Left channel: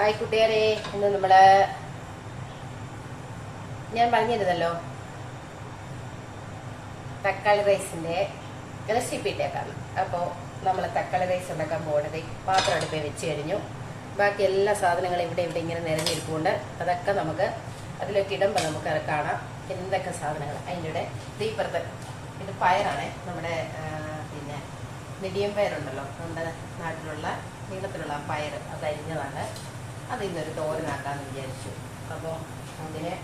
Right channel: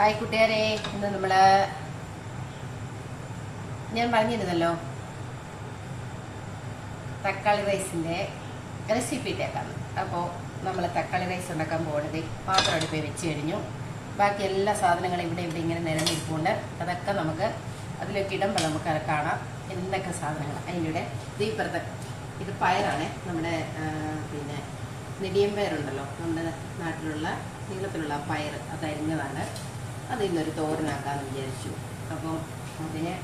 Hi കൂട്ടുകാരെ. ഇന്ന് നമ്മൾ ഞാൻ പറഞ്ഞിരുന്നല്ലോ തക്കാളി റൈസിന്റെ റെസിപ്പി ഇട്ടേക്കാണ് അപ്പോൾ നമ്മൾ തക്കാളി റൈസ് ഉണ്ടാക്കാൻ പോകുന്നത് പാത്രം അടുപ്പേ വെച്ച് കഴിഞ്ഞു. ബാക്കി എല്ലാ സാധനങ്ങളും ഇവിടെ ഇവിടെ ഇങ്ങനെ നിരന്നിരിപ്പുണ്ട് അതൊക്കെ നമുക്ക് അതിലൊക്കെ ഇടുമ്പോൾ നമുക്ക് അത് കാണാം. എന്തൊക്കെ സാധനങ്ങൾ? അതിന്റെ കൂടെ ഇത് ഇപ്പുറത്ത് ഇത് പയറാണ്. നമ്മുടെ പിന്നെ നെടിയം പയറുണ്ടല്ലോ നമ്മുടെ നാട്ടിലുള്ള നീളത്തിലുള്ള പയർ അത് അരിഞ്ഞതാണ്. അത് ഇന്നൊരു തോരനാക്കാമെന്ന് വിചാരിച്ചു. അപ്പോൾ അതിനെ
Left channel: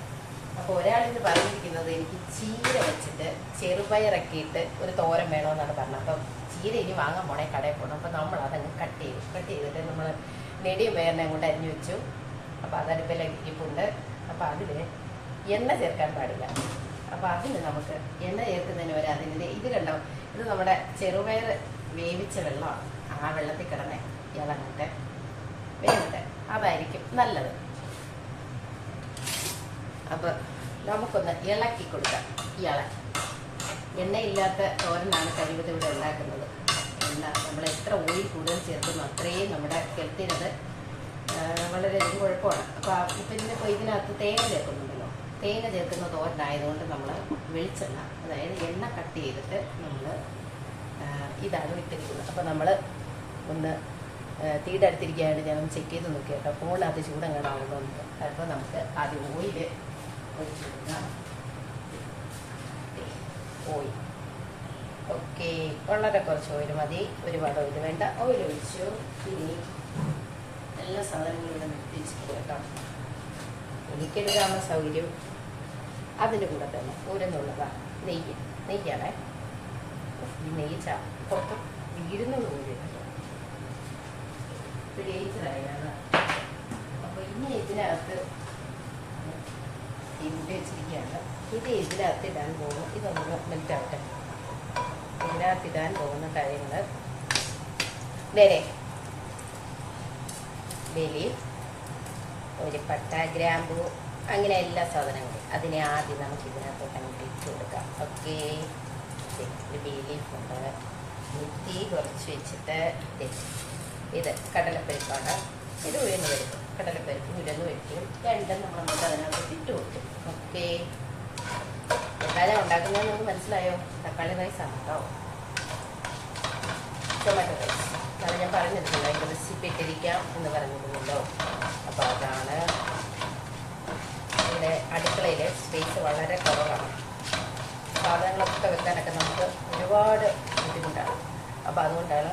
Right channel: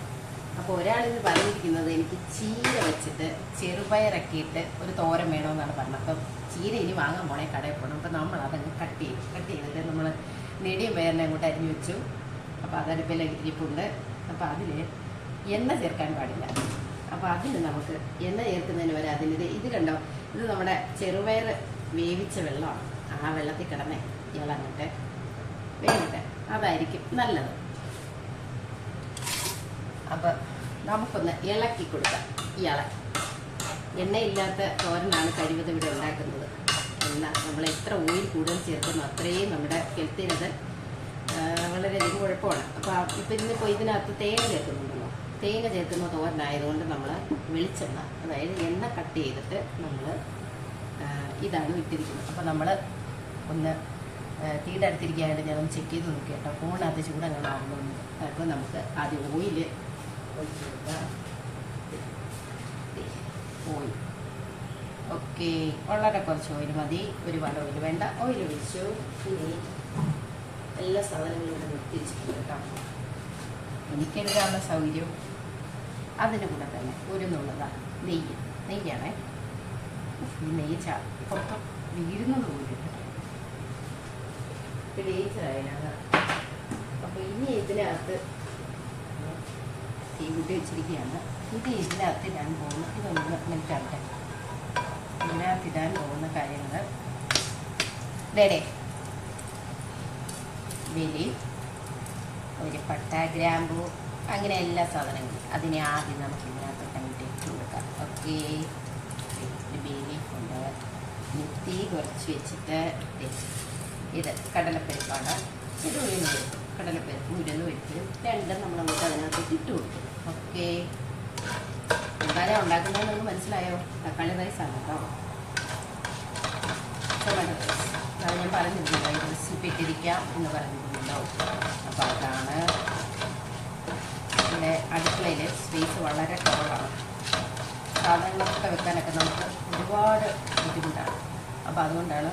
അപ്പോൾ ഒരാളിത് പറഞ്ഞിരിക്കുന്നത് എനിക്ക് ചീര വെച്ചിട്ട് ചെറുപയറൊക്കെ ഇട്ട് ഒരു തോരൻ വേണമെന്നാണ് പറഞ്ഞത്. അപ്പം ചീര ഇനി വാങ്ങാൻ പോണേ കടയിൽ പോകണം അപ്പം നമ്മൾ അതങ്ങ് കട്ട് ചെയ്തു കട്ട് ചെയ്തിട്ട് നമ്മൾ നെടിയും വേറിനെ അങ്ങോട്ട് അരിഞ്ഞു വെച്ചു. അപ്പോൾ അതടുപ്പിൽ ഇരിപ്പുണ്ട്. അപ്പോൾ അതിൽ എണ്ണ ചേർക്കാൻ പാടില്ല. അപ്പോൾ അതിന് നമുക്ക് എണ്ണ ചേർക്കുന്നതിന് വരെ അതിന്റെ ഇത് കണ്ടോ? ഇത് നമ്മുടെ ചെറുപയർ വേവിച്ച വെള്ളമാണ്. ആ വെള്ളത്തിൽ കിടന്നേ ഇളങ്ങട്ടെ വേവട്ടെ അതായിരിക്കും നല്ലത്. അപ്പൊ നമുക്കൊന്ന് ഇളക്കി കൊടുക്കാം ഇള എണ്ണയില്ലാത്ത തോരനാണ് കഴിവത് ഇവിടെ ഉണ്ടാക്കുന്നത്. എണ്ണ നമ്മൾ എത്ര ഓയിൽ കൂടുതൽ ചേർക്കുന്നു അത്രയും നമ്മുടെ ഹെൽത്തിനത് വളരെയധികം കുഴപ്പമാണ്. അപ്പോൾ ഇപ്പം ഇതിനിപ്പോൾ ഇതിനകത്ത് തേങ്ങ ചേർക്കുന്നുണ്ടല്ലോ. തേങ്ങ ചേർക്കുന്ന തോരനായതുകൊണ്ട് നമ്മൾ വെളിച്ചെണ്ണ അതായത് എണ്ണ കട്ട് ചെയ്തിട്ട് നമ്മൾ ഇതാണ് ഇട്ടിരിക്കുന്നത്. അപ്പോൾ നമ്മൾ ഒന്ന് തീയുടെ അടുത്തിരിക്കുകയായിട്ട് ഞാൻ ചെക്ക് ചെയ്ത് നോക്കി കേട്ടോ. ഫോണിനകത്ത് ചൂടങ്ങടാകുന്നുണ്ട് അപ്പോൾ നമുക്ക് ആദ്യം ഓയിൽ ഒഴിച്ച് കൊടുക്കാം ഓയിൽ ഓക്കെ വളരെ കുറച്ച് ഓയിൽ മതി. ഒരുപാട് ഓയിൽ വേണ്ട. ഓയിൽ ഒഴിച്ചു. ഇനി എല്ലാ സാധനങ്ങളും ഇവിടെ കേട്ടോ. എനിക്കെടുക്കാവുന്ന സൗകര്യം? അതിന് കൂടെ തന്നെ ഉരുന്നുള്ളതാണ് നെയ്യ്. നെയ്യാണേ. ഈ നെയ്യ് പുറത്ത് വീഴുന്നത് പോലും ഇത് ഇതിനകത്ത് ഇത് ഇടാൻ പോകുന്നു. ഇതൊന്ന് മെൽറ്റാവട്ടെ ഇതിനകത്ത് ഇടാൻ പോകുന്ന കാര്യങ്ങൾ വേറെ വെലി ഒരു പട്ട ഗ്രാമ്പു അങ്ങനെ എല്ലാ സാധനങ്ങളും. അതിനെ ആദ്യം നമുക്ക് ഇതിനകത്ത് കണ്ടിട്ട് കൊടുക്കാം. ഓക്കെ. ഒരു ബേലീഫ് മുത്തി ഇനി കുറച്ച് വെച്ചിട്ട് ദേ, ഇത് കടലപ്പരിപ്പാണ്. ഇത് ഉഴുന്ന് പരിപ്പ് കടലപ്പരിപ്പ് ഉഴുന്ന് പരിപ്പ് രണ്ടും നമ്മൾ അങ്ങോട്ട് അതിനകത്തേക്ക് ഇട്ട് കൊടുക്കും. ഓക്കെ. എന്തായാലും ഉണ്ടാക്കുന്നതെന്ന് നിങ്ങൾക്ക് മനസ്സിലായോ? തക്കാളി റൈസ് ആണ് കേട്ടോ ടൊമാറ്റോ റൈസ് അത് ഞാൻ പറഞ്ഞിരുന്നല്ലോ അതിന്റെ റെസിപ്പി ഇട്ടിരിക്കാം എന്ന് പറഞ്ഞിരുന്നല്ലോ. അപ്പോൾ അതാണ് പിന്നെ അടുക്കളയിൽ സ്പേസ് വളരെ കുറവാണ്. സാധനങ്ങളൊക്കെ വെക്കാനൊക്കെ നമുക്ക് ഒരുപാട് ബുദ്ധിമുട്ടാണ്. അപ്പോൾ അതുകൊണ്ടാണ്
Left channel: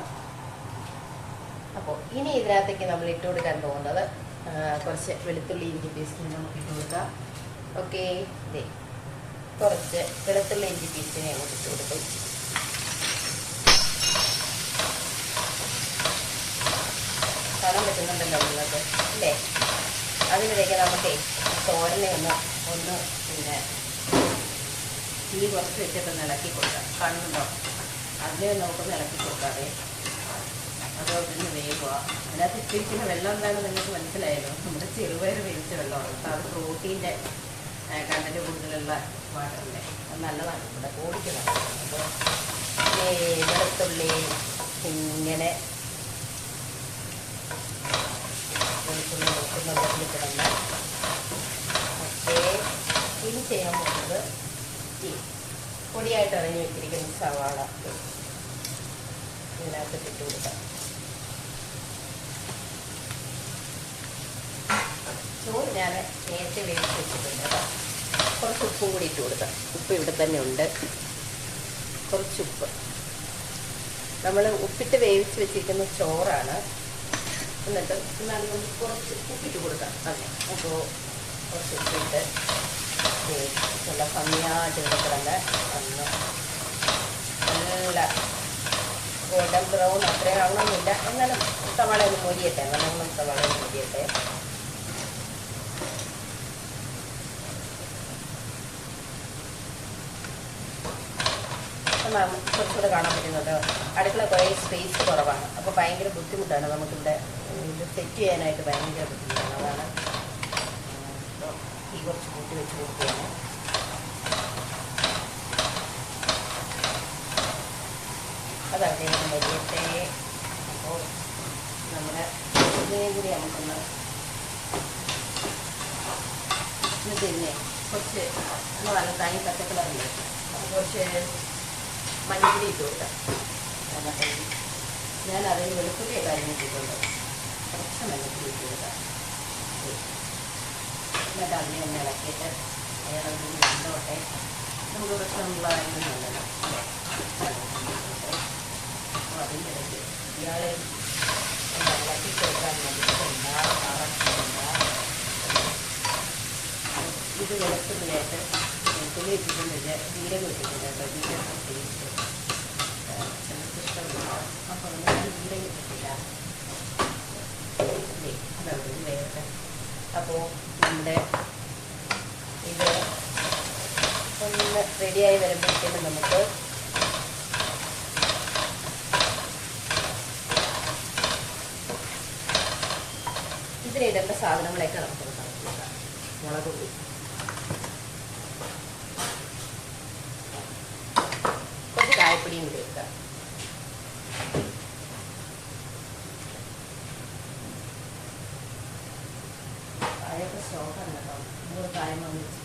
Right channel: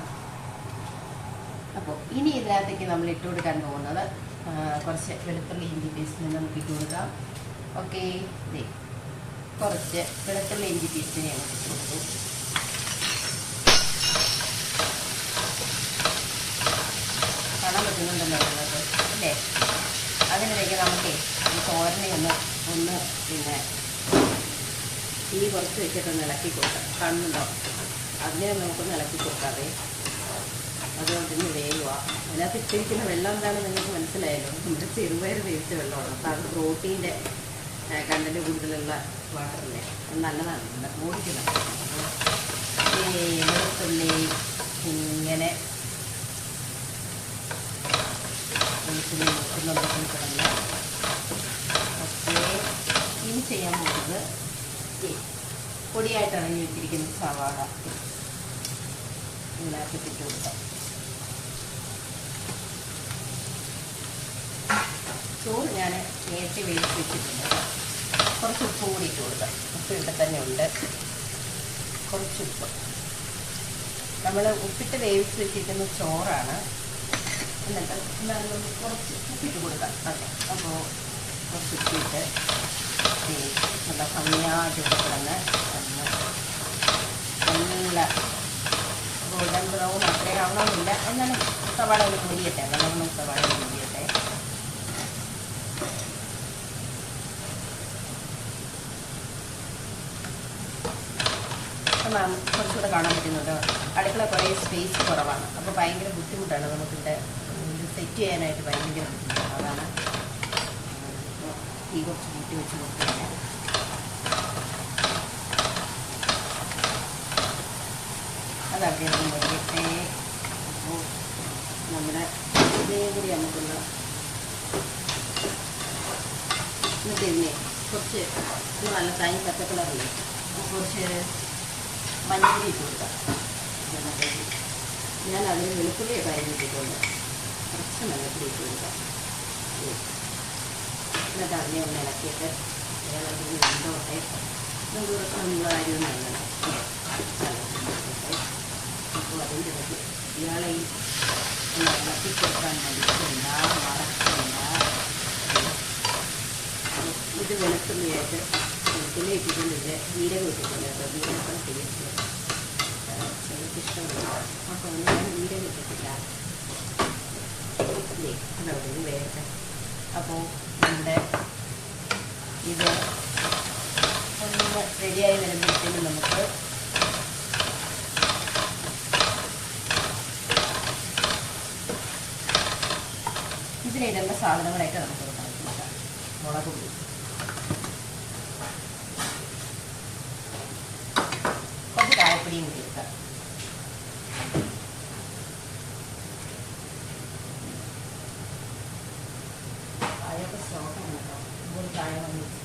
ഇനി ഇതിനകത്തേക്ക് നമ്മൾ ഇട്ട് കൊടുക്കാൻ പോകുന്നത് കുറച്ച് വെളുത്തുള്ളി ഇഞ്ചി പേസ്റ്റിന് നമുക്ക് ഇട്ട് കൊടുക്കാം. ഓക്കെ കുറച്ച് വെളുത്തുള്ളി ഇഞ്ചി പേസ്റ്റിന് ഞാൻ ഇട്ട് കൊടുക്കും കാണാൻ പറ്റുന്നുണ്ടല്ലോ ഉള്ളത് അല്ലേ? അതിനിടയ്ക്ക് നമുക്ക് തോരനെ ഒന്ന് ഒന്ന് പിന്നെ തീ കുറച്ച് വെച്ചിട്ട് ഇളക്കി കൊടുക്കാം. കണ്ണുണ്ടോ? അതിനെ നമുക്കൊന്ന് ഇളക്കി കൊടുക്കാതെ അതുപോലെ തന്നെ വേഗുക അതിനകത്ത് ഇട്ടിരിക്കുന്ന വെള്ളം എന്താണെന്ന് നിങ്ങൾക്ക് മനസ്സിലായല്ലോ. നമ്മുടെ ചെറുപയർ വേവിച്ച വെള്ളമാണ്. അത് പ്രോട്ടീന്റെ കണ്ടന്റ് കൂടുതലുള്ള വാട്ടറല്ലേ. അത് നല്ലതാണ്. നമ്മുടെ കോഴിക്കുള്ള അപ്പോൾ വെളുത്തുള്ളി ഇങ്ങനെ വെളുത്തുള്ളി നോക്കുന്ന കിടന്ന് ഓക്കെ ഇനി ചെയ്യാൻ പോകുന്നത് ഈ പൊടിയായിട്ട് അണിഞ്ഞു വെച്ചിരിക്കുന്ന സവാള. എല്ലാവർക്കും ഇട്ട് ചോറ് ഞാൻ നേരത്തെ വേവിച്ച് വെച്ചിട്ടുണ്ട് കുറച്ച് ഉപ്പ് കൂടി ഇട്ട് കൊടുക്കാം. ഉപ്പ് ഇവിടെ തന്നെ ഉണ്ട്. കുറച്ച് ഉപ്പ്. നമ്മൾ ഉപ്പിട്ട് വേവിച്ച് വെച്ചിരിക്കുന്ന ചോറാണ്. എന്നിട്ട് നമുക്ക് കുറച്ച് ഉപ്പിട്ട് കൊടുക്കാം. അതെ. അപ്പോൾ കുറച്ച് ഉപ്പിട്ട് നല്ല ഭംഗിയായിട്ട് ഇവിടെ നല്ല ഗോൾഡൻ ബ്രൗൺ അത്രയും ആവണമെന്നില്ല. എന്നാലും സവാള ഒന്ന് മൊരിയട്ടെ അങ്ങനെ നമ്മൾ സവാള ഒന്ന് കുറച്ചുകൂടെ കാണാൻ പറ്റുന്നുണ്ട് അടുക്കള കുറേ സ്പേസ് കുറവാണ്. അപ്പോൾ ഭയങ്കര ബുദ്ധിമുട്ടാണ്. നമുക്കിവിടെ സെറ്റ് ചെയ്യാനായിട്ട് ഭയങ്കര ബുദ്ധിമുട്ടാണ്. അതാണ് തീ കുറച്ച് കൂട്ടി വെച്ച് കൊടുക്കുകയാണ് അതവിടെ മൊരിയട്ടെ അപ്പോൾ നമ്മുടെ ഇതേ കൂടി നമുക്കുള്ള കുറച്ച് നല്ല തനി പച്ചക്കളറില്ലേ? കുറച്ച് മഞ്ഞപ്പൊടി ഇട്ട് ഞാൻ അതിന് വെളുത്തുള്ളിയൊക്കെ അരിഞ്ഞിട്ടിട്ടുണ്ട് കുറച്ച് മഞ്ഞപ്പൊടി ഇട്ട് എന്നിട്ട് അതിനെ ഒന്ന് ഇളക്കിയിട്ട് വേറെ ഒരു രണ്ടോട്ടെ നൂറ് അരി നല്ലതാണ് അപ്പോൾ അതിന്റെ ഇടയ്ക്ക് ഇയാളെ ഇളക്കി കൊടുക്കാൻ വേണ്ടിയിട്ടുണ്ട് ഇത് വെളുത്തുള്ളിയായിട്ട് വെളുത്തുള്ളി ഇട്ടിട്ടുണ്ട്. ജീരകം ഇട്ടിട്ടുണ്ട് കേട്ടോ ജീരകം ടേസ്റ്റ് എനിക്ക് ഇഷ്ടമില്ല അപ്പോൾ ഞാൻ അപ്പോൾ നമ്മുടെ ഇത് ഒന്ന് റെഡിയായി വരുമ്പോഴത്തേക്കും നമുക്ക് ഇതിലിടേണ്ട സാധനങ്ങളൊക്കെ നമുക്ക് മുളക് പൊടി കുറച്ച് കായപ്പൊടിയും കൂടി ഇട്ടാം കായൊക്കെ സോഫാണ് കേട്ടോ മൂന്ന് കായം വന്നിട്ട്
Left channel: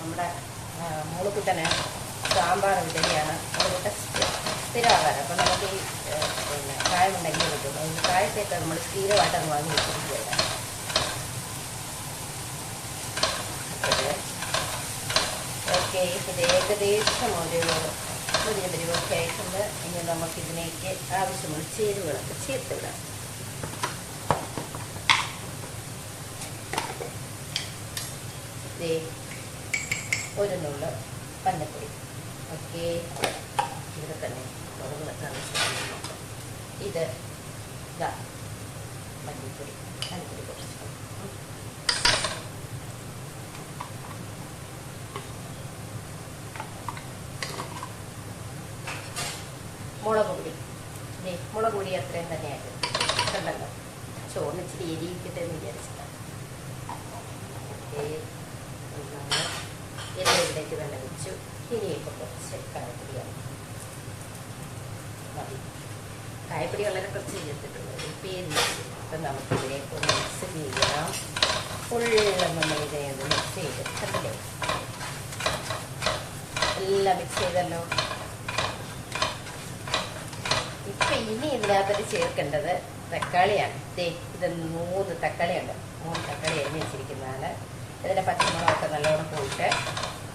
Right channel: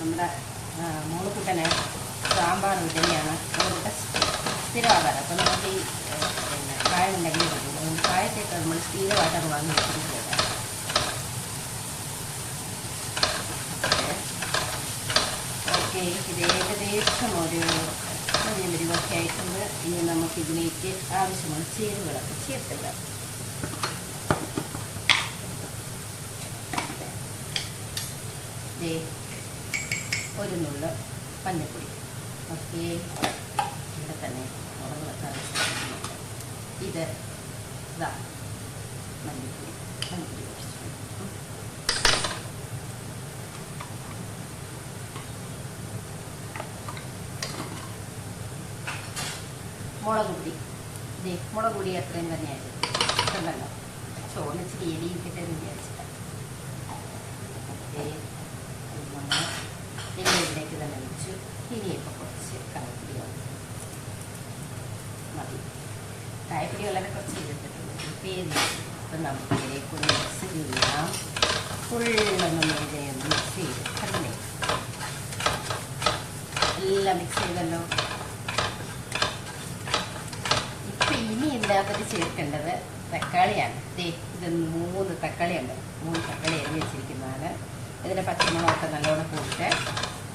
നമ്മുടെ മോളുക്കുട്ടന് സാമ്പാർ ഇഡലിയാണ് മോളുക്കുട്ട സ്ഥിരമാകാറ് അപ്പം നമുക്ക് പിന്നെ കായം ഉണ്ടെങ്കിൽ പറ്റും കായത്തേക്ക് നമ്മൾ സ്ഥിരമായിട്ട് അങ്ങ് വാങ്ങി വെച്ചിരിക്കുകയാണ് ഓക്കെ. ഇത് ഏകദേശം ഒരു മതിയ മരുവൊക്കെ ആയിട്ടുണ്ട്. ഇനി നമുക്ക് ഇതിലേക്ക് ആവശ്യമുള്ള ചേരുവകളൊക്കെ ചേർത്തില്ല ഒരു നുള്ള പഞ്ഞപ്പൊടി ഓക്കെ ഇവിടെ തന്നെ മുളകിലൊക്കെ ഇത് ഇതാ. മഞ്ഞപ്പൊടി മഞ്ഞപ്പൊടി കുറച്ച് മുളക് പൊടി മുളക് പൊടി അത്രയും തന്നെയായിരുന്നു കണ്ടല്ലോ ചോറിന് ഇച്ചിരി എരിയിട്ടിട്ട് എന്ന് വിചാരിച്ചിട്ടാണ് ദേ ഇത് നമ്മൾ എല്ലാം ഇവിടേക്ക് തന്നെ വെച്ചു ഇനിയിപ്പോൾ കുറച്ച് കായപ്പൊടിയാണ് മതി കായപ്പൊടി വളരെ കുറച്ച് എടുത്തിട്ടുണ്ട് പേര് ഇപ്പം നമുക്ക് ഇതിലേക്ക് ഒന്ന് മിക്സ് ചെയ്യാം ഫുള്ളൊന്ന് മേജയൊന്ന് മിക്സ് ചെയ്ത് കണ്ടില്ലേ എല്ലാം മിക്സ് ചെയ്തല്ലോ. ഇപ്പൊ ഇനി ഇതിനകത്തോട്ട് ചേർക്കേണ്ടത് തക്കാളിയാണ്. ദേ ഇത് മൂന്ന് തക്കാളിയുണ്ട്. മൂന്ന് തക്കാളി അരിഞ്ഞ് വെച്ചിരിക്കുന്നതാണ്. ഇതിന്റെ പച്ചമുളകൊക്കെ നല്ലോണം പോയിട്ട്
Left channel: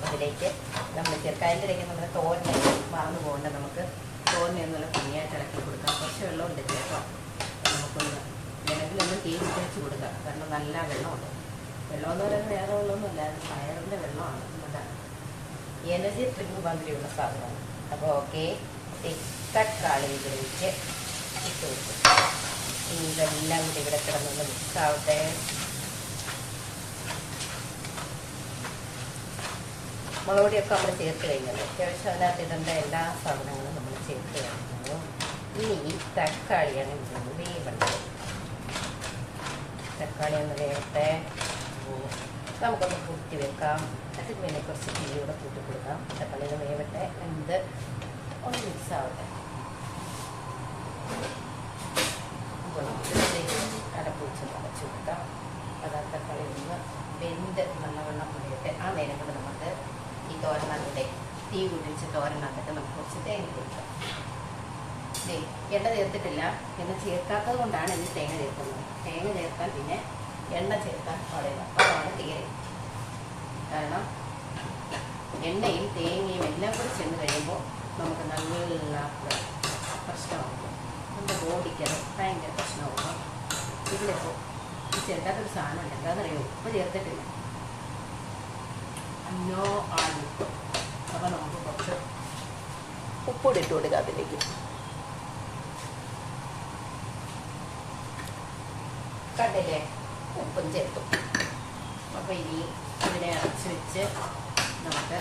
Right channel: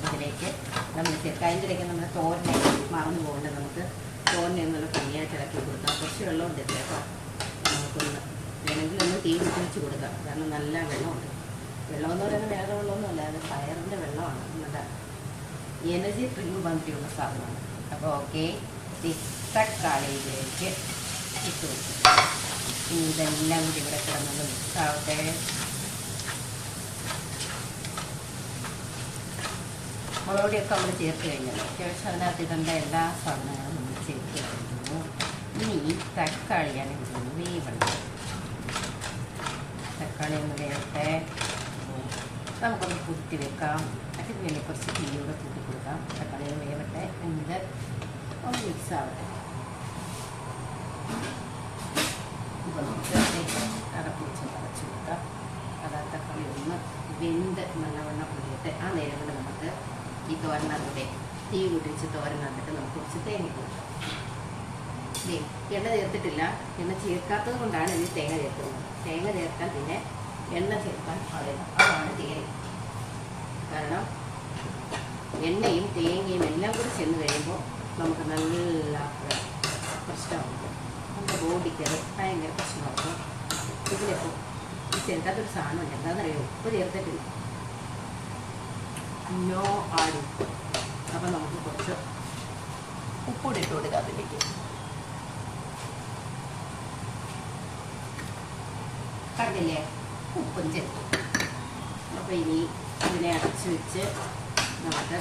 അതിലേക്ക് നമ്മൾ ചേർക്കാം അതിന്റെ ഇടയ്ക്ക് നമ്മൾ തോരനെ മറന്നു പോകേണ്ട. നമുക്ക് തോരനെ എന്നുള്ള ഭംഗിയായിട്ട് ഇളക്കി കൊടുക്കാം. കുറച്ച് വെള്ളം ഉണ്ട് കേട്ടോ നമുക്കൊന്ന് വേണമെങ്കിൽ ഒന്ന് തീ വെച്ച് കൊടുക്കാം. കാരണം നല്ല വെള്ളമുണ്ട്. വെള്ളം എന്ന് പറയുന്നത് വേറെ വെള്ളമൊന്നുമല്ല അത് പയറിന്റെ വെള്ളമാണ്. നമ്മുടെ എനർജി ഡ്രിങ്ക് മാതിരിയുള്ള സാധനമാണ്. അപ്പോൾ ഓക്കെ തക്കാളിയിലേക്ക് ഇട്ട് വെക്കും ഇതെല്ലാം കൂടി ഇവിടെ കിടന്നത് മിക്സാവട്ടെ ആവട്ടെ. മുളക് പൊടിയൊക്കെ നമ്മൾ ചേർത്ത് കഴിഞ്ഞല്ലോ. അത്യാവശ്യം അതിനകത്ത് ഇടേണ്ട എല്ലാ സാധനങ്ങളും നമ്മൾ ചേർത്ത് കഴിഞ്ഞു. ഇനി തക്കാളിയാണ് ഇതൊന്ന് വേവണ്ടത്. തക്കാളി ഒന്ന് വേവട്ടെ. നമുക്കൊന്ന് കുത്തി വെക്കാം. വേണ്ടി കുറച്ച് തീയോടെ കൂട്ടി കൊടുക്കാം. തക്കാളി ഒന്ന് വേവട്ടെ. ഇത് ഒന്ന് മിക്സ് ആവട്ടെ. അടപ്പിച്ച് നിറച്ച് കൊടുക്കാം. അത് തക്കാളി ഒന്ന് വെന്ത് നല്ലവണ്ണം പൊടിയിട്ട് ആ നേരം കൊണ്ട് നമുക്ക് ഈ തോരനകത്തെ തീ കുടിച്ച് തോരനകത്ത് നമുക്ക് കുറച്ച് തേങ്ങ കൊടുക്കാം എണ്ണ ചേർത്തിട്ടില്ല. എണ്ണ ചേർക്കാത്തത് കൊണ്ടാണ് ഇനി തേങ്ങ ചേർക്കുന്നത്. തേങ്ങ ചേർക്കാൻ പിന്നെ എണ്ണ ചേർക്കാൻ പാടില്ല. അതാണ് തേങ്ങ കാരണം എണ്ണയും തേങ്ങയും എല്ലാം കൂടി ചെന്ന് കഴിയുമ്പോൾ നമുക്ക് നല്ല പ്രശ്നമാകും. നമ്മുടെ ബോഡിക്ക് ഭയങ്കര പ്രശ്നമാകും. ഇതിലിപ്പോൾ ഈ ചേർക്കാത്തൊരു സാധനം എന്താണെന്നറിയോ? ഉപ്പ് ചേർത്തിട്ടില്ല. നോ ആടി. അപ്പം നമുക്ക് കുറച്ച് ഉപ്പൂടി ഇട്ട് കൊടുക്കുക അതിലേക്ക്. കണ്ടില്ലേ? ഉപ്പും ചേർത്തു അപ്പോൾ ഇനി ഇതിനെ അടച്ച് വെച്ച് നമുക്ക്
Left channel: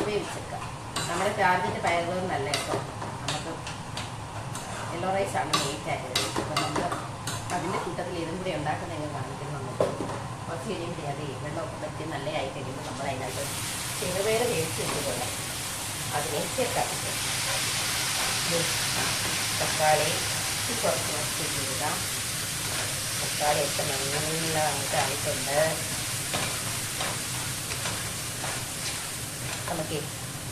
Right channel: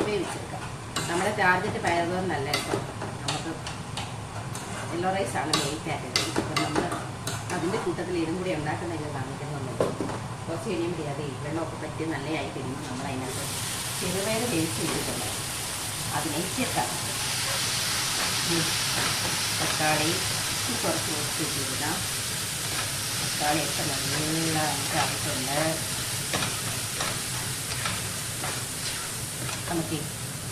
വേവിച്ചെടുക്കാം. നമ്മുടെ ടാർഗറ്റ് പയറുതോറിനല്ല കേട്ടോ നമുക്ക് യെല്ലോ റൈസാണ് കാറ്റഗറി അപ്പം നമ്മൾ അതിന്റെ കൂട്ടത്തിൽ ഇതും കൂടി ഉണ്ടാക്കുന്നത് കാണിക്കുന്നുണ്ട് കുറച്ച് കഴിയുമ്പോൾ അത് വെള്ളമൊക്കെ പറ്റി നല്ലതായി കഴിയുമ്പോൾ നമ്മൾ അതിനകത്ത് ചെറുപയർ വേവിച്ച് വെച്ചിട്ടുണ്ട് അതിനെ ചേർക്കാം. തക്കാളി കുറച്ച് നിർത്തിയിട്ട് ഇടാം തക്കാളിയൊക്കെ നല്ല ആയിട്ടുണ്ട് നമുക്ക്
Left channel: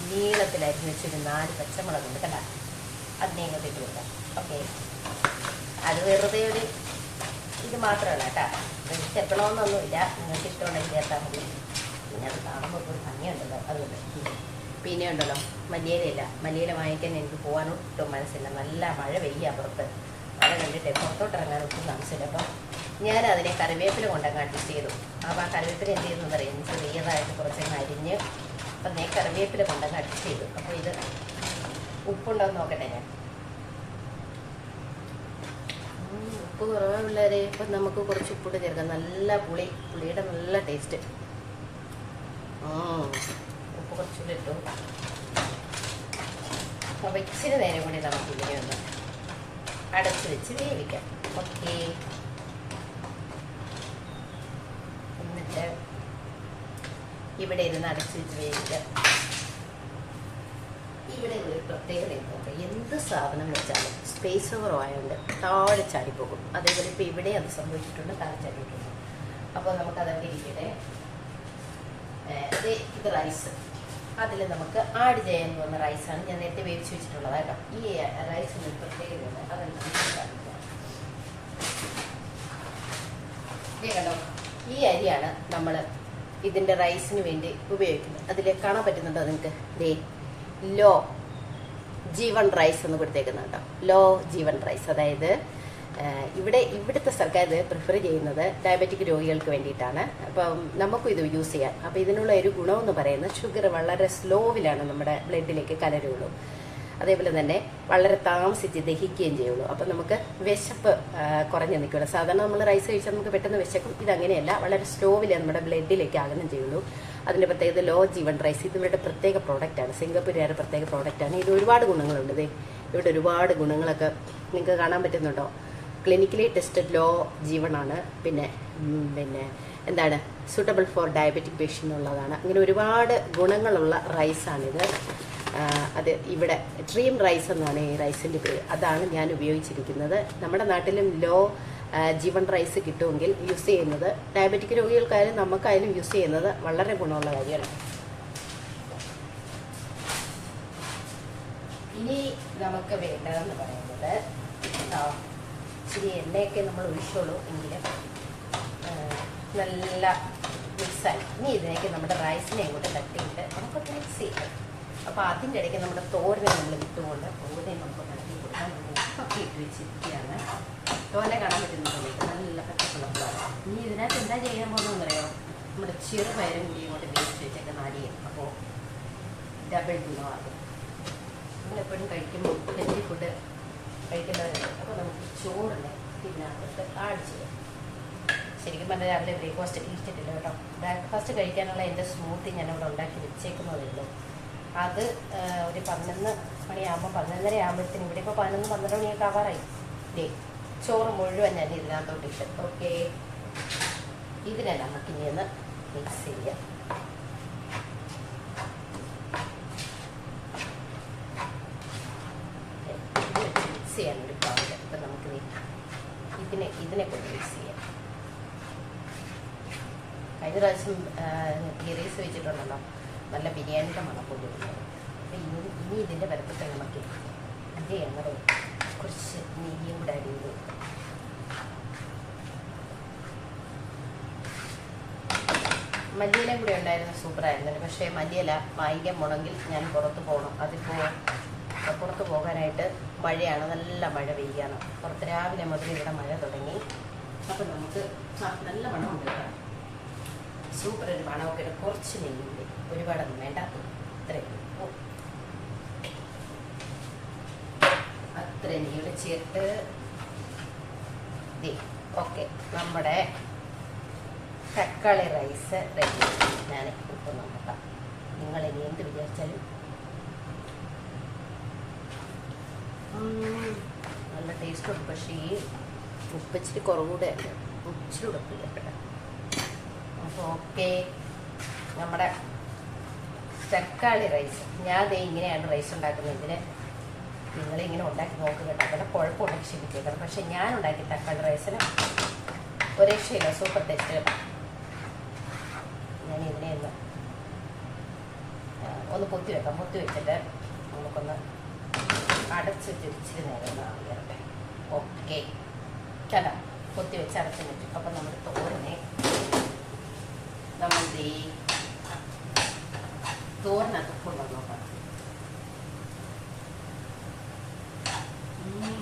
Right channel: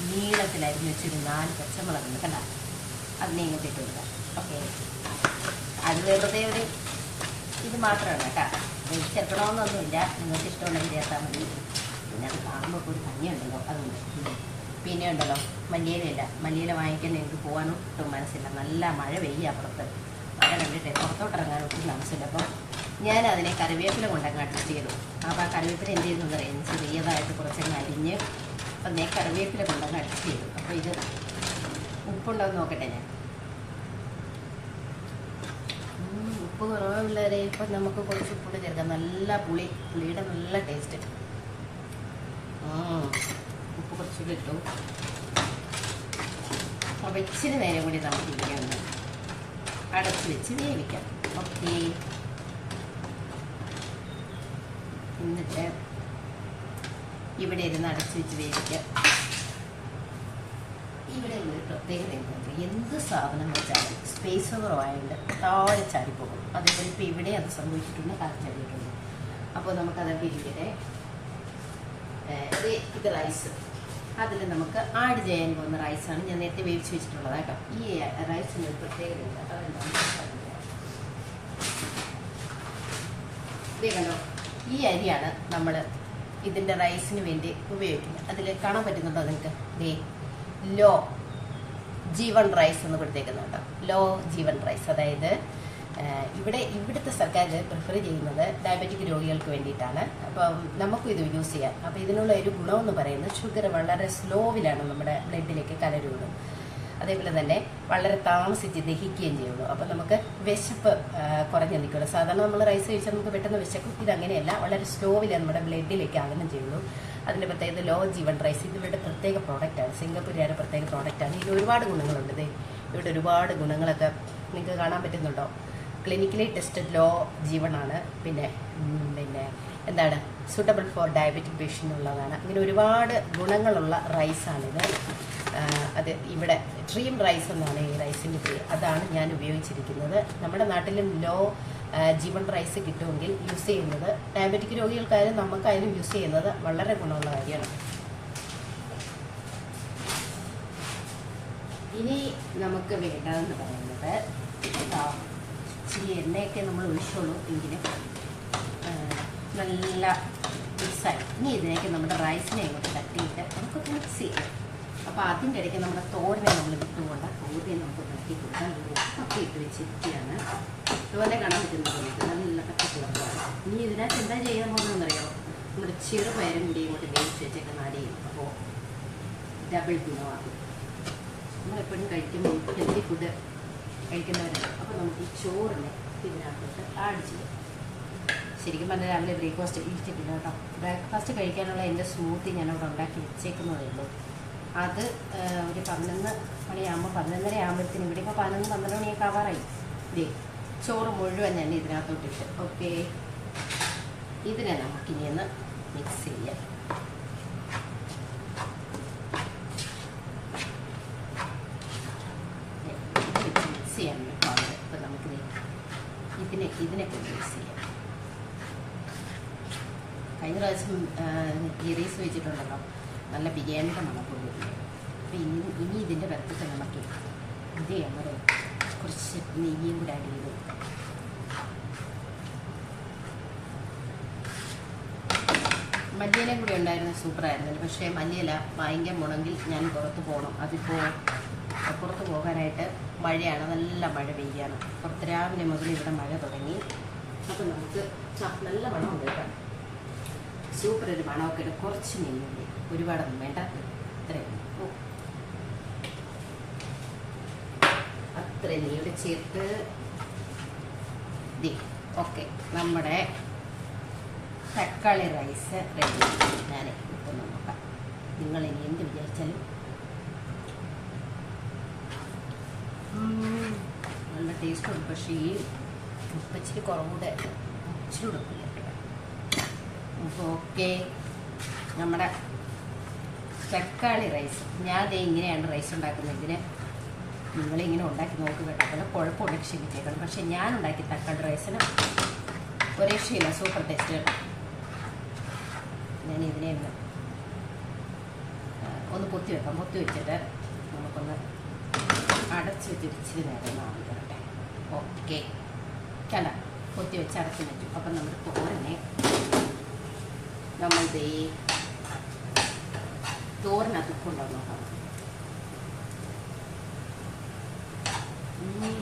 നീളത്തിൽ അരിഞ്ഞ് നാല് പച്ചമുളക് ഉണ്ട് കണ്ട അതിനെ ഇങ്ങോട്ട് ഇട്ട് കൊടുക്കാം. ഓക്കെ. അത് വെറുതെ ഒരു ഇത് മാത്രമാണ് കേട്ടോ. ചേർക്കണമെന്നൊന്നുമില്ല നിങ്ങൾക്ക് ഇഷ്ടമുണ്ടെങ്കിൽ ചേർത്താൽ മതി. പിന്നെ അത് കാണുമ്പോൾ ഒരു ഭംഗിയുണ്ടല്ലോ. അതുകൊണ്ട് പിന്നെ ഉണ്ടല്ലോ മല്ലിയിലയില്ല മല്ലിയില വാങ്ങിക്കാൻ എനിക്ക് പോകാനൊട്ടും മനസ്സില്ല. നല്ല മഴ പെയ്യ അപ്പുറത്ത് മഴ കണ്ടിട്ട് പുറത്തോട്ടിറങ്ങാൻ ഒട്ടും താമസമില്ല. അപ്പം ഞാൻ അതിനെ കറിവേപ്പില കൊണ്ടങ്ങ് അഡ്ജസ്റ്റ് ചെയ്തു. അപ്പോൾ ആ കറിവേപ്പില എന്ത് ചെയ്യുന്നു അറിയാം ചെറിയതായിട്ട് കുറച്ചങ്ങ് അരിഞ്ഞ് അപ്പം ഞാൻ കറിവേപ്പില കൊണ്ടങ്ങ് അഡ്ജസ്റ്റ് ചെയ്തു. അപ്പോൾ ഇത് ഉപ്പുണ്ടോ എന്ന് നോക്കട്ടെ ഞാൻ. ഉപ്പ് കുറവ് പിള്ളേരെ. ഇപ്പം നമുക്ക് കുറച്ച് ഉപ്പിട്ട് ചേർക്കാം. നല്ല പുളി. പുളിയുടെ നല്ല ടേസ്റ്റ് ഉപ്പ് കുറച്ച് കിട്ടും അപ്പം ഇച്ചിരി നേരം കൂടി നമുക്ക് ഇങ്ങനെ ഒന്ന് അടച്ച് വെച്ച് വേവിക്കാം. ഓക്കെ. എന്നിട്ട് ഇവിടെ ഇരുന്ന് അടച്ച് വെച്ച് വേവിക്കാം. ഇവിടെ ഒരു പ്രത്യേകത എന്താ എന്ത് സാധനം വെച്ചാലും സ്പേസ് ഓവർ ആയതുകൊണ്ട് താഴെ ചാടിപ്പോകും അതേപോലെ ഇപ്പം ഇവിടെ അത് സംഭവിച്ചിട്ടുണ്ട് താഴെ ചാടിയിട്ടുണ്ട് അപ്പോൾ നമുക്കതൊക്കെ ഇരിക്കട്ടെ. ഇത് റൈസ് അതിൽ നമുക്ക് ആഡ് ചെയ്യാൻ പോകുന്ന റൈസാണ് ഞാൻ നേരത്തെ വേവിച്ച് വെച്ചിട്ടുള്ളത് കേട്ടോ. ഈ ഒരു പ്രത്യേകതയുണ്ട് അതെന്താണെന്ന് കണ്ടോ? ഈ അരിയാണ് നമ്മൾ ഇതിന്റെ റൈസിന് വേണ്ടി ഉപയോഗിക്കുന്നത്. അതിൽ കാണാൻ പറ്റുന്നുണ്ടോ നിങ്ങൾക്ക്? ദേ ലോ ജീവൻ റൈസ് എന്ന് കൊടുത്തേക്കുന്നുണ്ടോ ലോ ജീവൻ റൈസ് അതായത് ഇവിടെ ഇവിടുത്തെ സർക്കാർ പ്രിഫർ ചെയ്യുന്നത് ഡയബറ്റിക് രോഗികൾക്ക് വേണ്ടിയിട്ടാണ്. അപ്പം നമുക്കും ഇത് യൂസ് ചെയ്യാം. അപ്പം ഇതിനുള്ള ഒരു ഗുണമെന്ന് പറയുന്നത് ഷുഗർ വളരെ സ്ലോവിലാണ് നമ്മുടെ ബ്ലഡിലേക്ക് കലരുള്ളൂ. അതേപോലെ തന്നെ വളരെ താമസിച്ച് ദഹിക്കുകയും ചെയ്യുള്ളൂ. അപ്പം നമുക്ക് വിശപ്പ് കുറഞ്ഞു നിൽക്കുള്ളൂ. സാധാരണ നമ്മൾ റൈസ് കഴിച്ചാൽ നമുക്ക് പെട്ടെന്ന് വിശക്കും. ഇതങ്ങനെയല്ല വളരെ സ്ലോവിലേ നമ്മുടെ ബ്ലഡിലേക്ക് ആകണം ചെയ്യുള്ളൂ. അതിന്റെ പ്രത്യേകത ലോ ജീവൻ റൈസ് ഇത് ഇവരുടെ പ്രത്യേക പ്രോഡക്റ്റാണ് സിംഗപ്പൂരുകാരുടെ പ്രത്യേക പ്രോഡക്റ്റാണ് ഇത് ഒരുപാട് ഗുണങ്ങളുണ്ട്. ഇവിടെ ഒരുപാട് ഗുണങ്ങളൊക്കെ നിങ്ങൾക്ക് കാണാൻ പറ്റുന്നുണ്ടോ? ക്ലിനിക്കലി ടെസ്റ്റഡ് ലോ ജീവനാണ്. പിന്നെ പിന്നെ എന്താണ് സൂട്ടബിൾ ഫോർ ഡയബറ്റിക് പേഷ്യന്റ് ഉള്ളതാണ്. അങ്ങനെ ഒരുപാട് ഗുണങ്ങളുള്ള റൈസാണിത് അത് ഇവിടെ ഡ്രീം റൈസ് എന്നാണ് ഈ റൈസിന്റെ പേര്. അതാണ് ഞാൻ ഉപയോഗിച്ചിരിക്കുന്നത്. നമ്മുടെ നാട്ടിലും ലോ ജീവൻ റൈസ് കിട്ടുമെങ്കിൽ യൂസ് ചെയ്യുന്നത് ഡയബറ്റിക് രോഗികൾക്കായാലും നമുക്കായാലും യൂസ് ചെയ്യുന്നത് വളരെ ഗുണമുള്ള കാര്യമാണ്. ഇനി നമുക്ക് വേണ്ടതെന്ന് പറയുന്നത് ഇച്ചിരി എണ്ണയൊക്കെ നമ്മൾ ഒഴിച്ചോളൂ എങ്കിലും. നല്ല മിക്സായി. ഇനി ഇതിലേക്ക് നമ്മുടെ റൈസിനെ ഇങ്ങോട്ട് തട്ടിയിട്ട് നമുക്കൊന്ന് മിക്സ് ചെയ്യാം. അപ്പോൾ അതിന്റെ ഇടയ്ക്ക് നമ്മുടെ തോരനെ നമ്മൾ വിട്ടുകൊണ്ട് തോരനെ നമുക്ക് തട്ടി കൊടുക്കാം. ഉപ്പൊക്കെ ഇട്ട് വെച്ചിരിക്കുകയാണ്. തോരനെ കാണാൻ പറ്റുന്നത് നല്ല പച്ചക്കുളമാണ് ഇനി ഇതിനകത്ത് എന്താ ചെയ്യാൻ പോകുന്നതെന്ന് അറിയാമോ നമ്മുടെ ചെറുപയറും കൂടി ഇങ്ങോട്ട് വേവിച്ച് വെച്ചൊക്കെ അടിയും അപ്പോൾ ഡബിൾ ഗുണമാകും നമ്മളെപ്പോഴും കഴിക്കുമ്പോൾ ഹെൽത്തി ഫുഡ് കഴിക്കുന്നവരാണ്. അപ്പോൾ നമുക്ക് ഈ ചോറിനെ ഇതിനകത്തോട്ട് ആഡ് ചെയ്യാം ശരിക്കും പറഞ്ഞാൽ രാവിലെ ബ്രേക്ക്ഫാസ്റ്റ് കഴിച്ചിട്ടില്ല കേട്ടോ. ബ്രേക്ക്ഫാസ്റ്റ് കഴിക്കാനുള്ള എന്റെ സ്മൂത്തി ഞാൻ ഉണ്ടാക്കി വെച്ചേക്കുന്നതേ അത് ഒരു പതിനൊന്ന് മണിയാകുമ്പോൾ പതിനൊന്നര ആകുമ്പോഴത്തേനും ഇവിടെ ഇപ്പോൾ പതിനൊന്ന് പന്ത്രണ്ട് മണിയൊക്കെ ആവാറായി. ദേ ചോറ് മുഴുവൻ ഞാൻ ഇതിനകത്തോട്ട് ഇട്ട്. ഓക്കെ ഇതിനെ നമുക്കിനി മിക്സ് ചെയ്യാം മിക്സ് ചെയ്യാൻ ഒരു പാട് അപ്പം നമുക്ക് ദേ ഇതിനെ കൊണ്ട് യൂസ് ചെയ്യാം. കഴിഞ്ഞ പ്രാവശ്യം ഗിറീസ് വെച്ചിട്ടുണ്ടല്ലോ. നല്ല ബിരിയാണിയുടെ മണം കൊണ്ടുവരുന്നത് അപ്പം ഇനി ഇനി ഇതിന്റെ പരത്തത്തെ നമുക്ക് ഇത് ഞങ്ങളുടെ കുറച്ച് നെയ്യും കൂടെ ആഡ് ചെയ്ത്. മല്ലിയില കൂടെ ഉണ്ടായിരുന്ന സൂപ്പറായിരുന്നു പക്ഷേ മല്ലിയില ഭയങ്കര മുണങ്കിൽ ഞാൻ പുറത്ത് പോകണം അതിപ്പോൾ പുറത്ത് പോകാനായിട്ട് മഴയാണ്. നല്ല മഴ പെയ്യാണ്. പുറത്ത് രാവിലെ മുതൽ ഇവിടെ മഴ തുടങ്ങി. അപ്പം നമുക്ക് നല്ല മണമുണ്ട് കേട്ടോ. സൂപ്പർ ഒരു മണമൊക്കെ ഇട്ട് കുറച്ച് നെയ്യില്ലേ ഒരുപാടൊന്നും വേണ്ട. അത്ര നെയ്യുടെ ചേർത്ത്. ഓക്കെ. നമ്മുടെ തക്കാളി റൈസ് റെഡി ഞാൻ ഇപ്പം നോക്കാം നിങ്ങൾ ഇനി എന്ത് വിചാരിച്ചാലും നല്ല ടേസ്റ്റ് ഉണ്ട്. പക്ഷേ ഈ ഉപ്പ് ഇച്ചിരി കുറവുകൂടെ ഉണ്ട് ഇച്ചിരി ഉടക്കില്ല ഉപ്പ് ഓക്കെ നമ്മുടെ തക്കാളി റൈസ് ഞാൻ ദേ ഇങ്ങനെയാണ് റൈസ് ഉണ്ടാക്കുന്നത്. ഇതിന് നിങ്ങളിങ്ങനെ ഉണ്ടാക്കി നോക്കുക കേട്ടോ. അതിന് കുഴപ്പമുണ്ടെങ്കിൽ ക്ഷമിച്ചേക്കണം പക്ഷെ ഞാൻ ഉണ്ടാക്കി തക്കാളി റൈസിന് ഒരു രക്ഷയില്ല സൂപ്പർ ടേസ്റ്റ് കേട്ടോ. ഞാൻ ഇതിനെ ഒന്ന് ഒന്ന് പൊത്തി വെക്കാം. പൊത്തി വെച്ചിട്ട് നമുക്കൊന്ന് അടച്ച് ഇച്ചിരി നേരം വാങ്ങിക്കട്ടെ ഓക്കെ. കണ്ട കൊത്തി വെച്ച് അടച്ച് വെച്ചു. അപ്പം നമ്മുടെ തോരനെ നമ്മൾ ഈ തോരനകത്ത് ഉപ്പുണ്ടോ നോക്കണം.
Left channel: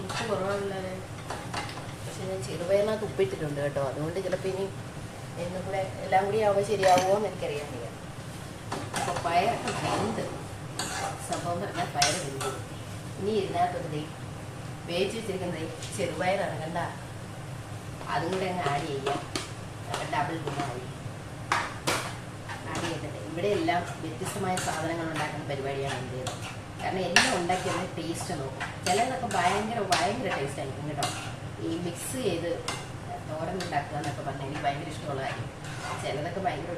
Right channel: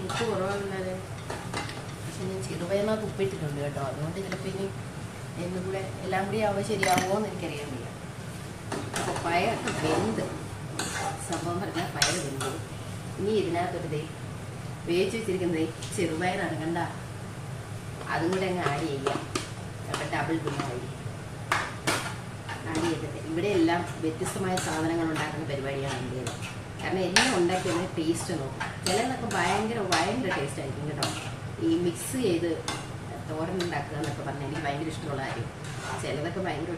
ഉപ്പ് കുറവുള്ളത് പക്ഷെ ഞാൻ ചെറുപയറിനകത്ത് ഉപ്പിട്ടിട്ടുണ്ട് കേട്ടോ. അതുകൊണ്ട് ചിലപ്പോൾ ഇനി എന്നും കൂടെ എല്ലാം കൂടി ആവുമ്പോൾ ശരിയാവുമോ എന്ന് എനിക്കറിയാൻ വയ്യ. അപ്പോൾ പയറൊക്കെ വെന്ത്. സംഭവം പറഞ്ഞാൽ പയർ വെന്ത്. ഇനി ഇതിനകത്തൊരു വേവിച്ച് വെച്ചിരിക്കുന്നത് ചെറുപയറാണ് കണ്ട? അതും കൂടെ അങ്ങ് ആഡ് ചെയ്യാം. ഡബിൾ ഗുണമായി ആഡ് ചെയ്തിട്ട് ഇവിടെ എല്ലാം വ്യത്യസ്തമായ സാധനങ്ങൾ ഉണ്ടാക്കുന്ന പരിപാടിയാണ് എന്റെ കാരണം എല്ലാം ഉണ്ടാക്കിയത് ടേസ്റ്റ് നോക്കും. ചിലതൊക്കെ ഭയങ്കര ഭയങ്കര ടേസ്റ്റ് ആയിരിക്കും കേട്ടോ. ഈ മിക്സ് ചെയ്ത് തോരൻ ഉണ്ടാക്കുക എന്നൊക്കെ പറഞ്ഞാൽ എനിക്ക് ഭയങ്കര ഇഷ്ടമുള്ള കാര്യം. ചിലതൊക്കെ ഭയങ്കര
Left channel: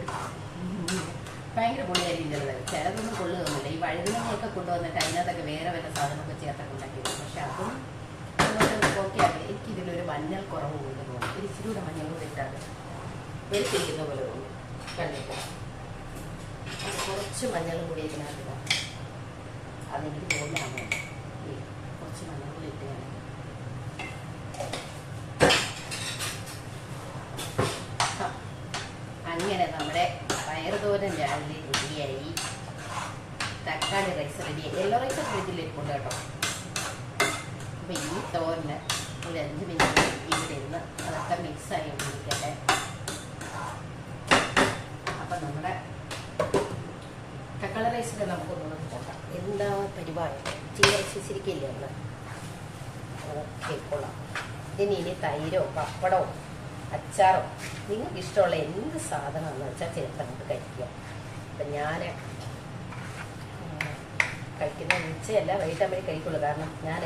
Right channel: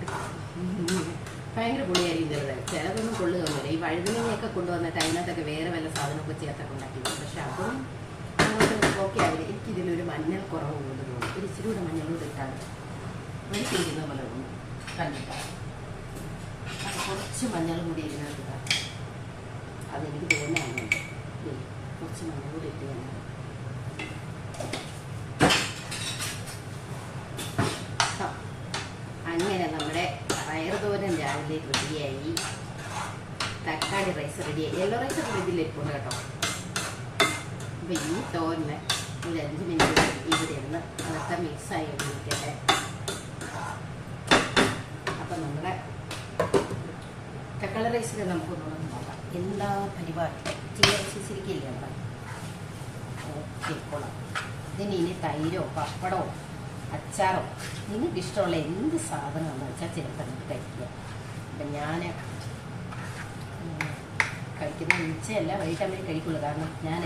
ഭയങ്കര പുളിയായിരിക്കും ചിലത് ചിലതൊന്നും കൊള്ളുകയൊന്നുമില്ല. ഈ വഴുതനങ്ങയൊക്കെ കൊണ്ടുവന്നിട്ട് അതിനകത്തൊക്കെ വേറെ വല്ല സാധനമൊക്കെ ചേർത്തൊക്കെ ഉണ്ടാക്കിയത് പക്ഷെ അതും ഓക്കെ ആകില്ല എനിക്കിതിലൊരു മഞ്ഞൾ കുറവ് കൂടുതൽ തോന്നും. ഒരു ഇച്ചിരി കൂടെ മഞ്ഞൾ ഇട്ടാണ്. വെളിച്ചിരിക്കുന്ന പോലെ തോന്നും. കണ്ടിട്ട് കുറച്ച് മഞ്ഞൾ കൂടി ഇടാം അതെനിക്ക് തോന്നുന്നുണ്ട് കുറച്ച് മഞ്ഞൾ കൂടി ഇട്ട് ഞാൻ ആ, അങ്ങനെ നമ്മുടെ പയറുതോരൻ രാവിലെ റെഡിയായി തക്കാളി റൈസ് റെഡിയായി യെല്ലോ റൈസ് ഒക്കെ ഇതിലിരിപ്പുണ്ട് കേട്ടോ. അപ്പം ഈ തോരന് ഒരു അഞ്ച് മിനിറ്റ് ഇവിടെ ഇരുന്ന് അതൊക്കെ മിക്സായി കൊണ്ടിരിക്കട്ടെ അപ്പം നമ്മുടെ തക്കാളി റൈസിൽ ഒന്നും നോക്കാം. എന്താ പരിപാടി? ചീര വെച്ചിരിക്കില്ലേ നമ്മൾ ഓക്കെ കൊള്ളാം. ഇതിന് ഇനി തൈരോ പപ്പടമോ അച്ചാറോ നിങ്ങൾക്ക് ഇഷ്ടമുള്ള എന്ത് സാധനമാണെന്ന് വെച്ചാൽ ചിലപ്പോൾ നമുക്ക് കഴിക്കുക അപ്പം ഞാൻ കഴിക്കുന്ന ഉച്ചയല്ല വൈകിട്ട് കഴിക്കുള്ളൂ. കാരണം ഞാൻ